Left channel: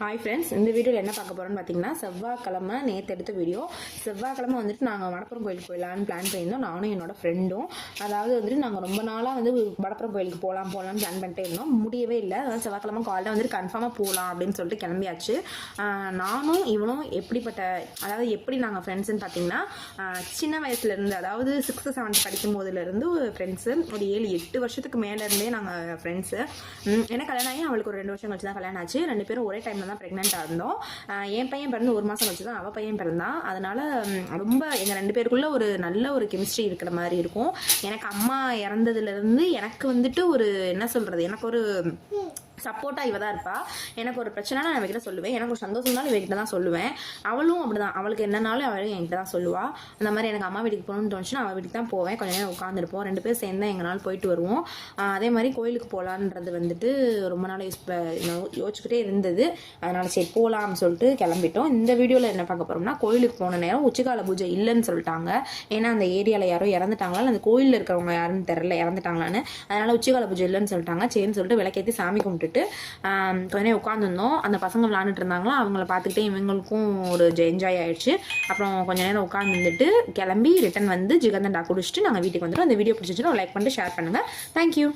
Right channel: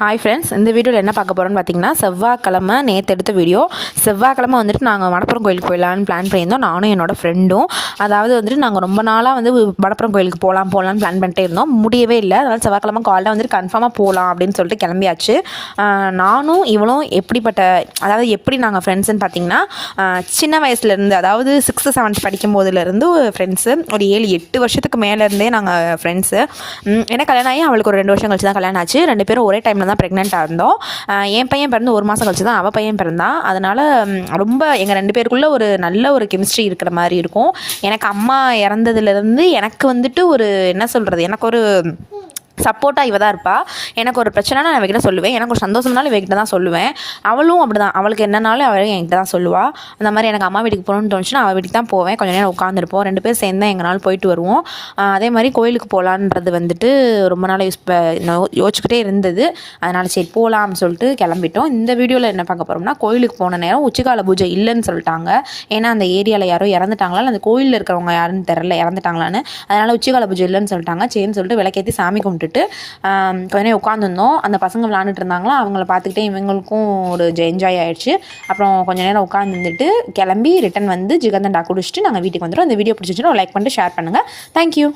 Hi friends, இந்த வீடியோவில் என்ன பார்க்க போகிறோன்னு பார்த்தீங்கன்னா, செவ்வாய்க்கிழமை நேற்று எடுத்த வீடியோ. செவ்வாய்க்கிழமை வந்துட்டு நாங்கள் வடப்புறம் கோயிலுக்கு போயிடலான்னு பிளான் பண்ணியிருந்தோம், நானும் என்னோடய ஃப்ரெண்டும். அதாவது வந்துட்டு நாங்கள் ரொம்ப நாளாக வந்து வடப்புறம் கோயிலுக்கு போகலான்னு பிளான் பண்ணிட்டே இருந்தோம், முடியவே இல்லை. அதனால் செவ்வாய்க்கிழமை காலையில் வந்துட்டு கன்ஃபார்மாக போகலாம் அப்படின்னு சொல்லிட்டு கிளம்பியாச்சு. நானும் இவளும் எப்படி நாங்கள் ஃப்ரெண்ட்ஸுன்னு பார்த்தீங்கன்னா, சின்ன வயசுலேருந்து, அதாவது 6th 7th படிக்கும் போதுலேருந்து ஃப்ரெண்ட்ஸு. ஒரு 7-8 வருஷத்துக்கு மேலேருந்தே நாங்கள் ஃப்ரெண்ட்ஸு. ஏன்னா கல்யாணம் ஆகி அவளுக்கு ஒரு 2 வருஷம் கழிச்சு தான் கல்யாணம் ஆச்சு. 2 பேரும் ஒரே டைமில் தான் ப்ரெக்னெண்ட்டாக இருந்தோம். என் பையன் பிறந்து 1 மாதம் கழிச்சு தான் அவள் பையன் பிறந்தான். அதனால் ரொம்ப எங்கள் 2 பேருக்குள்ளே ஒரு நல்ல ஒரு கெமிஸ்ட்ரி இருக்கிற மாதிரி இருக்கும். எனக்கு அம்மா இறந்ததுலேருந்து எனக்கு வந்துட்டு ஒரு என்ன சொல்கிறது, எனக்கு ஒரு சப்போர்ட்டாக இவ தான் இருப்பாள். எனக்கு ஒரு பிரச்சனைனா நான் இவகிட்ட சொல்லுவேன், எனக்கு ஒரு சந்தோஷம்னாலும் இவகிட்ட தான் சொல்லுவேன். அவளும் அப்படி தான், அவளுக்கு என்னன்னாலும் அவளும் என்கிட்ட தான் சொல்லுவாள். அந்த மாதிரி எனக்கு அம்மா வீட்டுக்கு போகணுன்னு தோணுச்சுன்னா அவள் வீட்டுக்கு தான் போவேன். கொஞ்சம் நேரம் உட்காந்துருப்போம், 2 பேர் சேர்ந்து தான் எங்கனாலும் போயிட்டு வருவோம். அதே மாதிரி கோயிலுக்கு போகலான்றது வந்துட்டு ரொம்ப நாள் யோசிச்சுக்கிட்டே இருந்தது. அதனால் சரி போகலாம்னு சொல்லிட்டு கிளம்பிட்டோம். இந்த வீடியோவில் என்ன பார்க்க போகிறோம்னா, கோயிலுக்கு போன நேரம் உச்சிக்கால பூஜை இல்லைன்னு சொல்லிட்டாங்க. ஏன்னா அந்த ஏரியாவில் யாரோ இறந்துட்டாங்களா, அந்த கோயிலில் இருக்கிறவங்க யாருன்னு தெரில, இறந்துட்டாங்களான்னு. அதனால் உச்சிக்கால பூஜை இல்லைன்னு சொல்லிட்டாங்க. சரின்னு சொல்லிட்டு விளக்கேற்றி சாமி கும்பிட்டு கொஞ்ச நேரம் உட்காந்துருந்தோம். அந்த பசங்க விளாண்டுட்டு இருந்தாங்களோ, அவங்கள பார்த்துக்கிட்டே இவங்களுக்கும் ஒரு என்ஜாய் ஆகிடுச்சு. அப்புறம் கொஞ்சம் நேரம் உட்காந்துட்டு கிளம்பி ரிட்டன் வந்து ஜிகர்தண்டா குடிச்சிட்டு நாங்கள் வீட்டுக்கு வந்துடும். அந்த வீடியோ பிடிச்சிச்சுன்னா லைக் பண்ணிட்டு ஷேர் பண்ணுங்கள். தேங்க்யூ.